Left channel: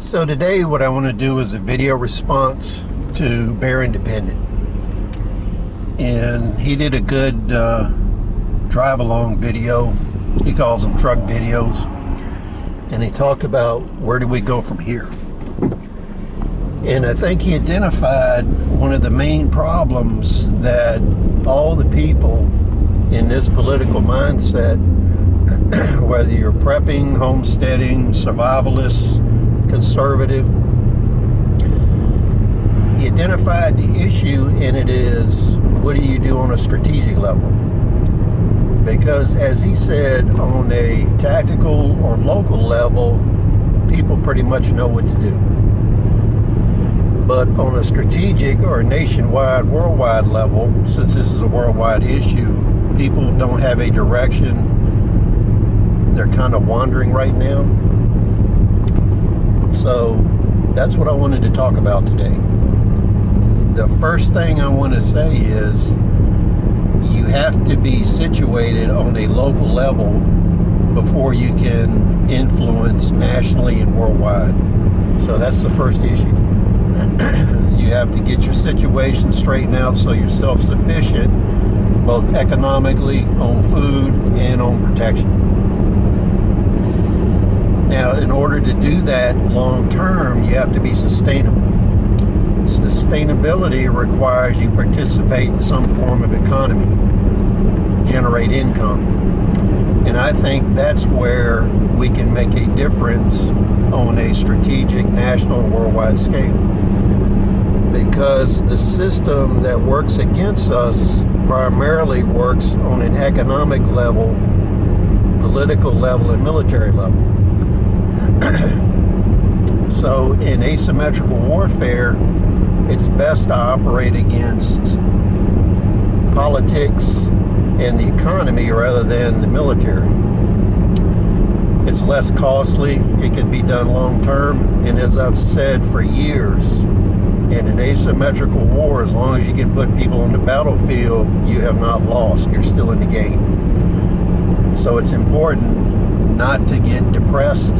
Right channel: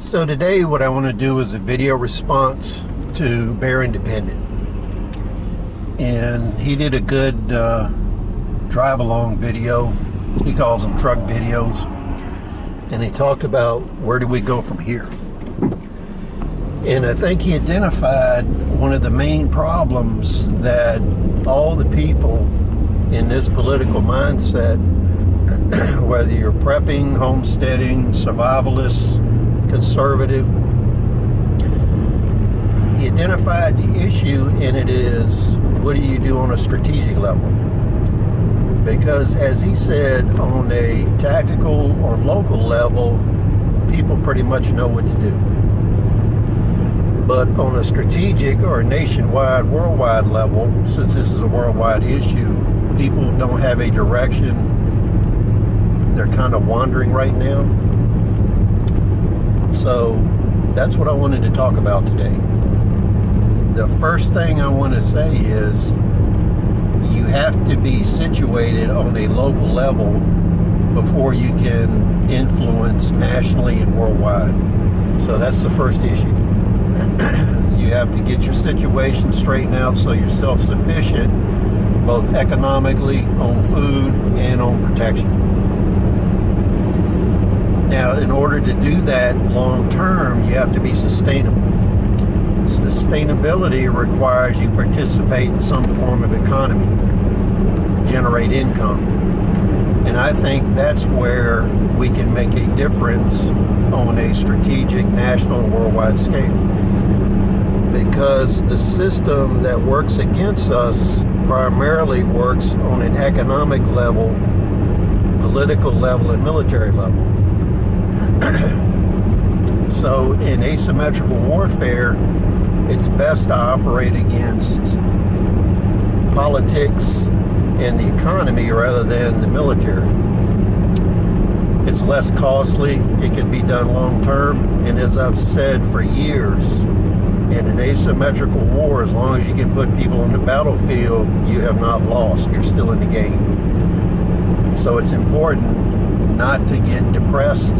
So today what I want to do is a video response to Bear Independent. And he did a good drive along video. He calls them truck videos. And he talked about where do we go from here. And I think he identified one of the main problems that all the people in this political mindset, whether you're prepping, homesteading, survivalists, conservative, he identified the issue, and it is, what do you do on a strategic level? Because as he said, on a tactical or local level, people pretty much know what to do. But on a strategic or a nationwide, worldwide level, since this is a worldwide issue, people don't have a direction. They're kind of wandering right now. So that's what I wanted to talk about today. The first thing I want to say is you have to be situated on a local level before you can influence nationally and worldwide. So that's the first issue. You have to get your situation straightened out so you're self-sufficient, both economically, on food, and on protection. Now, in order to do that long term, you have to be sustainable. Sustainability requires you participate in some form of economy, generate income. And I think that's where we can make a difference on a strategic, national, and worldwide scale. Because the system that works against us primarily works on an economic level, political level, and military level. So in asymmetrical warfare, it's best to operate against politics and the economy rather than the military. It's less costly, it can be done long term, and as I've said for years, in an asymmetrical war, as long as you can put people on the battlefield, you have not lost, you're still in the game. So it's important not to get depressed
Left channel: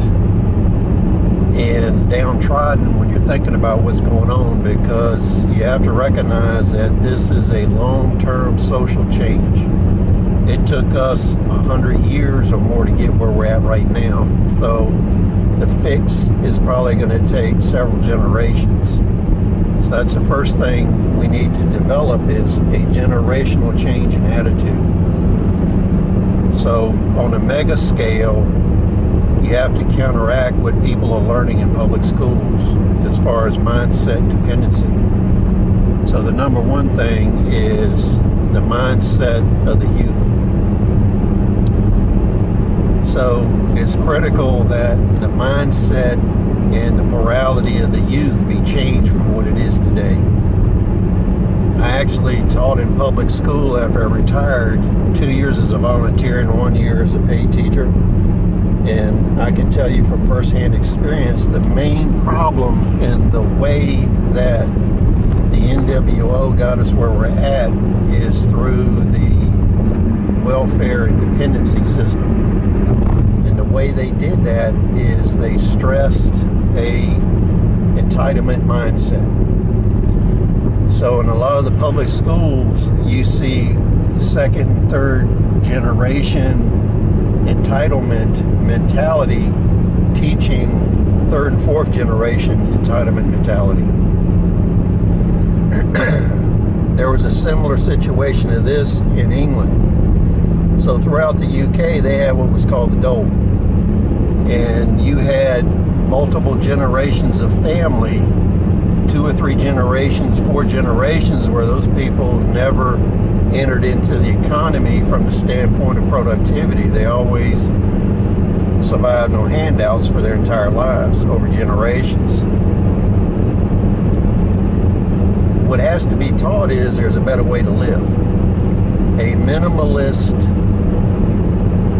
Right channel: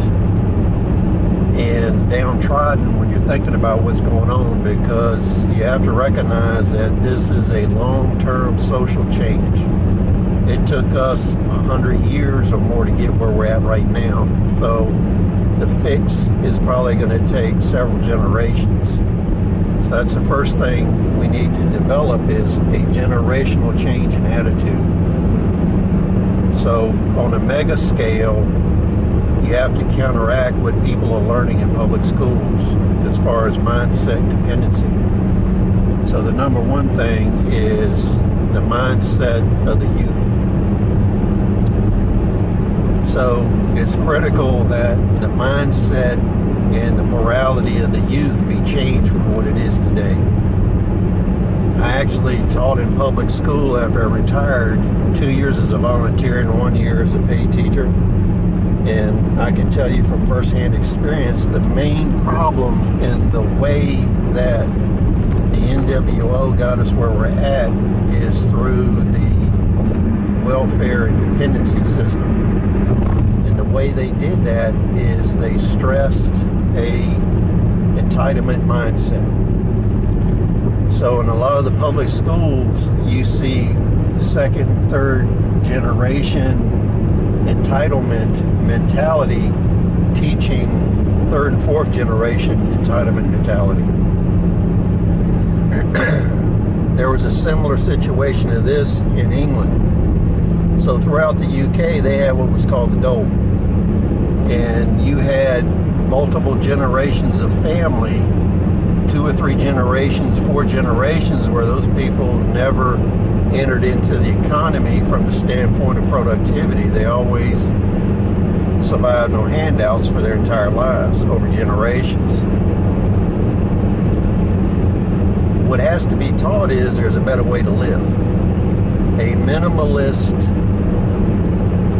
and downtrodden when you're thinking about what's going on, because you have to recognize that this is a long-term social change. It took us 100 years or more to get where we're at right now. So the fix is probably going to take several generations. So that's the first thing we need to develop, is a generational change in attitude. So on a mega scale, you have to counteract what people are learning in public schools as far as mindset dependency. So the number one thing is the mindset of the youth. So it's critical that the mindset and the morality of the youth be changed from what it is today. I actually taught in public school after I retired, 2 years as a volunteer and 1 year as a paid teacher. And I can tell you from firsthand experience, the main problem in the way that the NWO got us where we're at is through the welfare and dependency system. And the way they did that is they stressed a entitlement mindset. So in a lot of the public schools, you see second, third generation entitlement mentality teaching third and fourth generation entitlement mentality. There was a similar situation to this in England. So throughout the UK, they had what was called the dole. And you had multiple generations of family, 2 or 3 generations, 4 generations, where those people never entered into the economy from the standpoint of productivity. They always survived on handouts for their entire lives over generations. What has to be taught is there's a better way to live. A minimalist,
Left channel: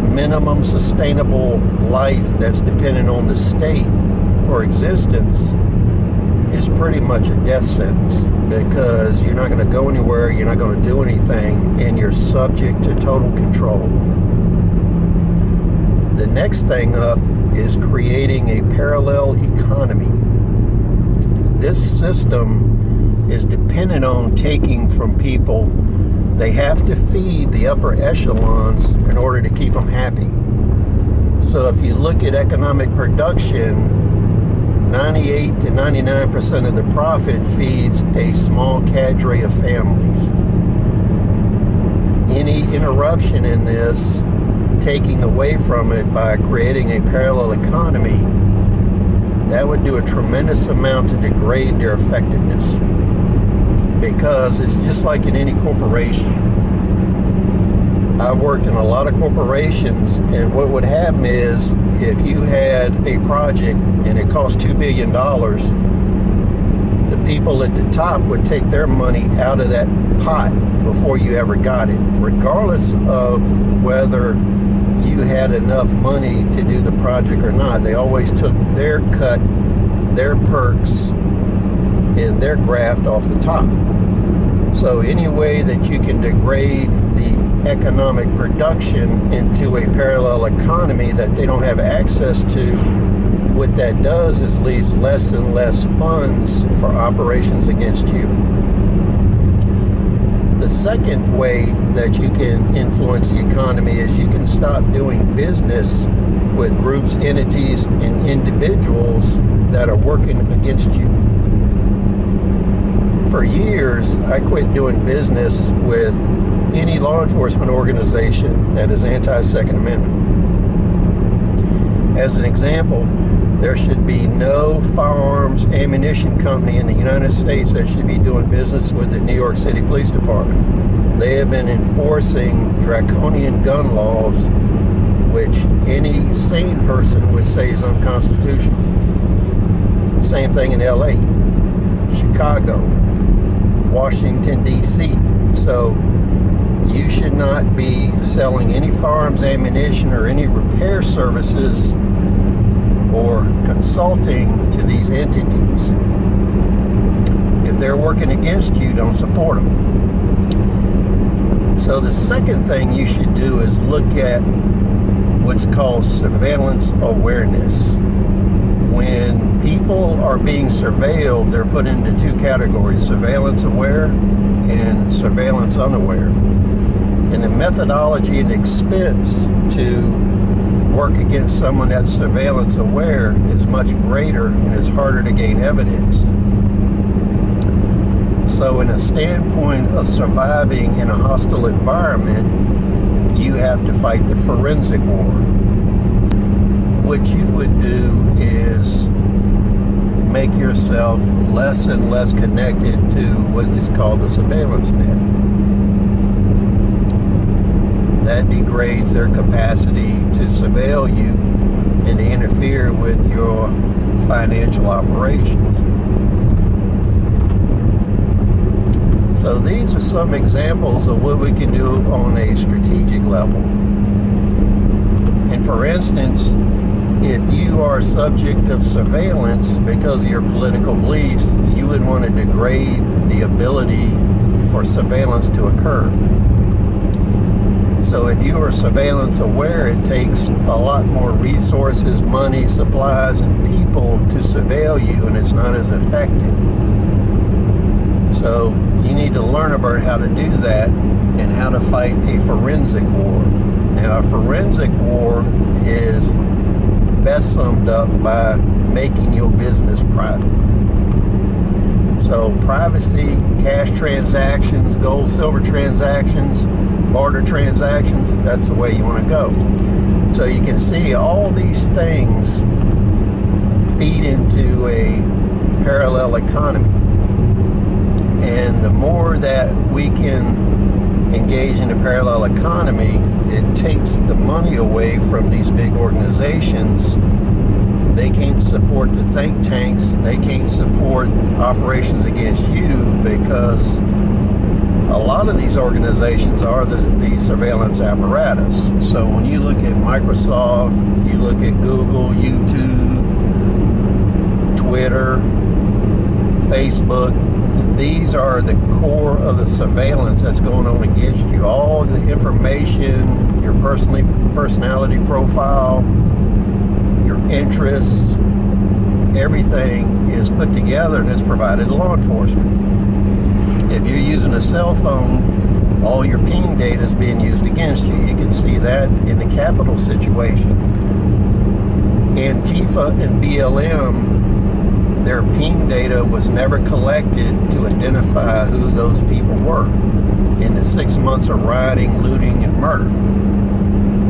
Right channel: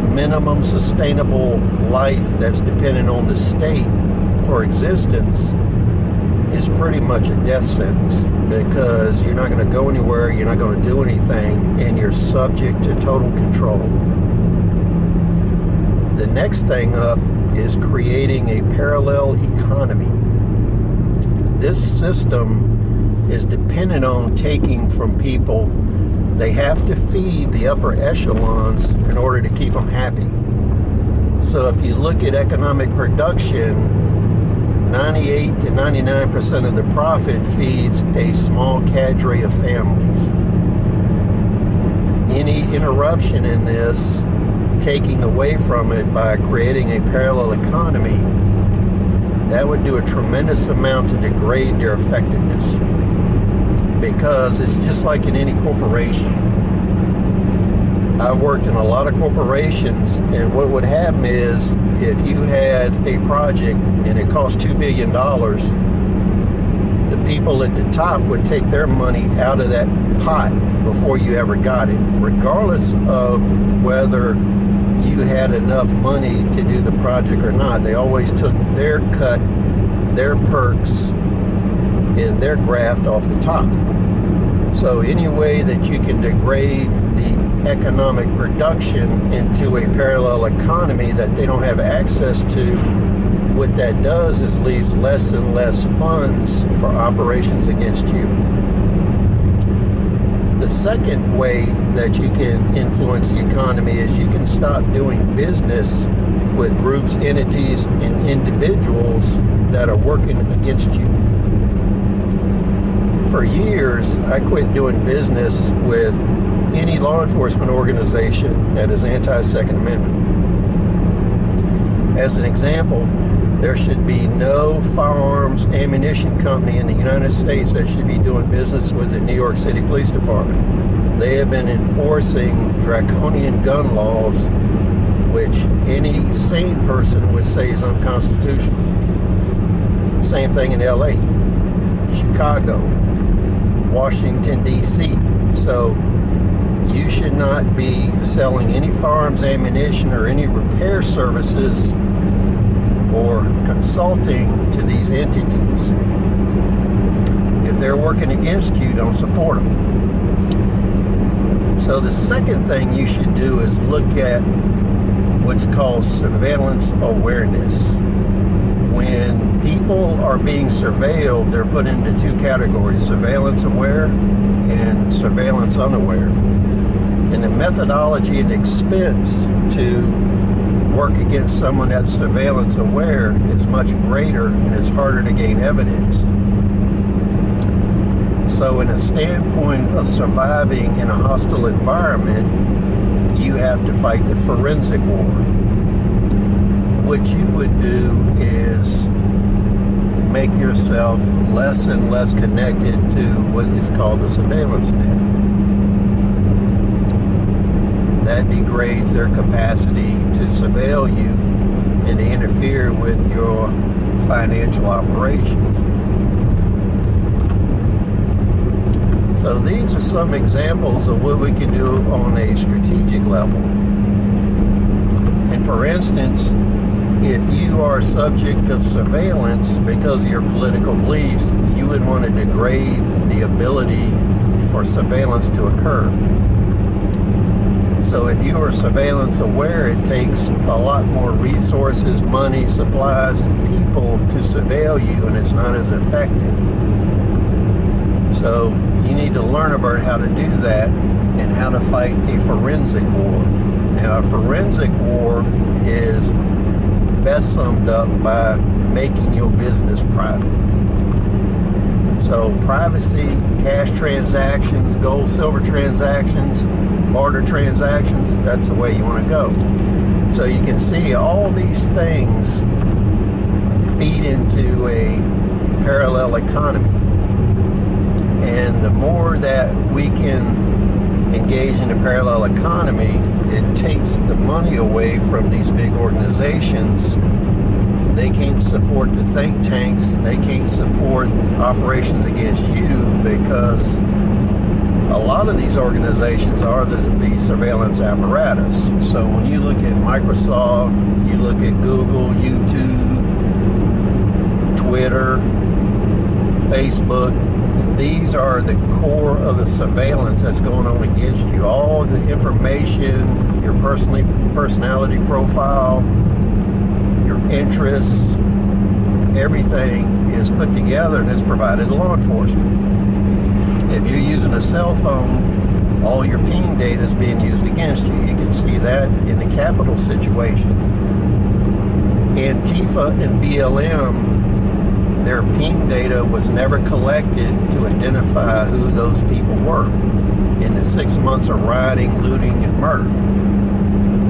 minimum sustainable life that's dependent on the state for existence is pretty much a death sentence, because you're not going to go anywhere, you're not going to do anything, and you're subject to total control. The next thing up is creating a parallel economy. This system is dependent on taking from people. They have to feed the upper echelons in order to keep them happy. So if you look at economic production, 98 to 99% of the profit feeds a small cadre of families. Any interruption in this, taking away from it by creating a parallel economy, that would do a tremendous amount to degrade their effectiveness. Because it's just like in any corporation. I worked in a lot of corporations, and what would happen is if you had a project and it cost $2 billion, the people at the top would take their money out of that pot before you ever got it, regardless of whether you had enough money to do the project or not. They always took their cut, their perks, and their graft off the top. So any way that you can degrade the economic production into a parallel economy that they don't have access to, what that does is leaves less and less funds for operations against you. The second way that you can influence the economy is you can stop doing business with groups, entities, and individuals that are working against you. For years, I quit doing business with any law enforcement organization that is anti-Second Amendment. As an example, there should be no firearms ammunition company in the United States that should be doing business with the New York City Police Department. They have been enforcing draconian gun laws, which any sane person would say is unconstitutional. Same thing in LA, Chicago, Washington, D.C. So you should not be selling any firearms ammunition or any repair services or consulting to these entities. If they're working against you, don't support them. So the second thing you should do is look at what's called surveillance awareness. When people are being surveilled, they're put into two categories: surveillance aware and surveillance unaware. And the methodology and expense to work against someone that's surveillance aware is much greater, and it's harder to gain evidence. So in a standpoint of surviving in a hostile environment, you have to fight the forensic war. What you would do is make yourself less and less connected to what is called a surveillance net. That degrades their capacity to surveil you and to interfere with your financial operations. So these are some examples of what we can do on a strategic level. And for instance, if you are subject of surveillance because of your political beliefs, you would want to degrade the ability for surveillance to occur. So if you are surveillance aware, it takes a lot more resources, money, supplies, and people to surveil you, and it's not as effective. So you need to learn about how to do that and how to fight a forensic war. Now, a forensic war is best summed up by making your business private. So privacy, cash transactions, gold, silver transactions, barter transactions, that's the way you want to go. So you can see all these things feed into a parallel economy. And the more that we can engage in a parallel economy, it takes the money away from these big organizations. They can't support the think tanks. They can't support operations against you because a lot of these organizations are the surveillance apparatus. So when you look at Microsoft, you look at Google, YouTube, Twitter, Facebook, these are the core of the surveillance that's going on against you. All the information, your personality profile, your interests, everything is put together and is provided to law enforcement. If you're using a cell phone, all your ping data is being used against you. You can see that in the Capitol situation. Antifa and BLM, their ping data was never collected to identify who those people were in the 6 months of rioting, looting, and murder.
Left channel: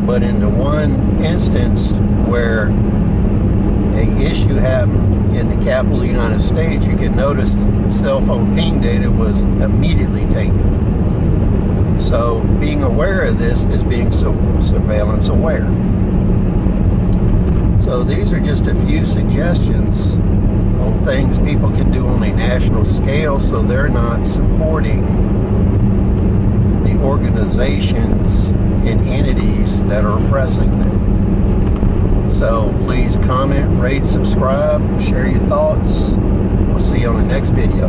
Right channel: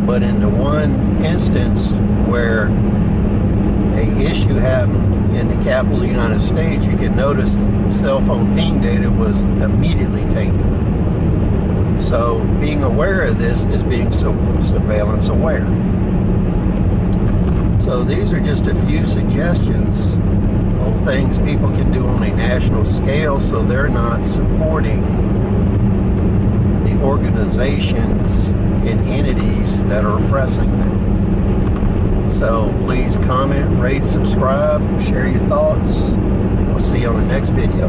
But in the one instance where an issue happened in the capital of the United States, you can notice cell phone ping data was immediately taken. So being aware of this is being surveillance aware. So these are just a few suggestions on things people can do on a national scale so they're not supporting the organizations and entities that are oppressing them. So please comment, rate, subscribe, share your thoughts. We'll see you on the next video.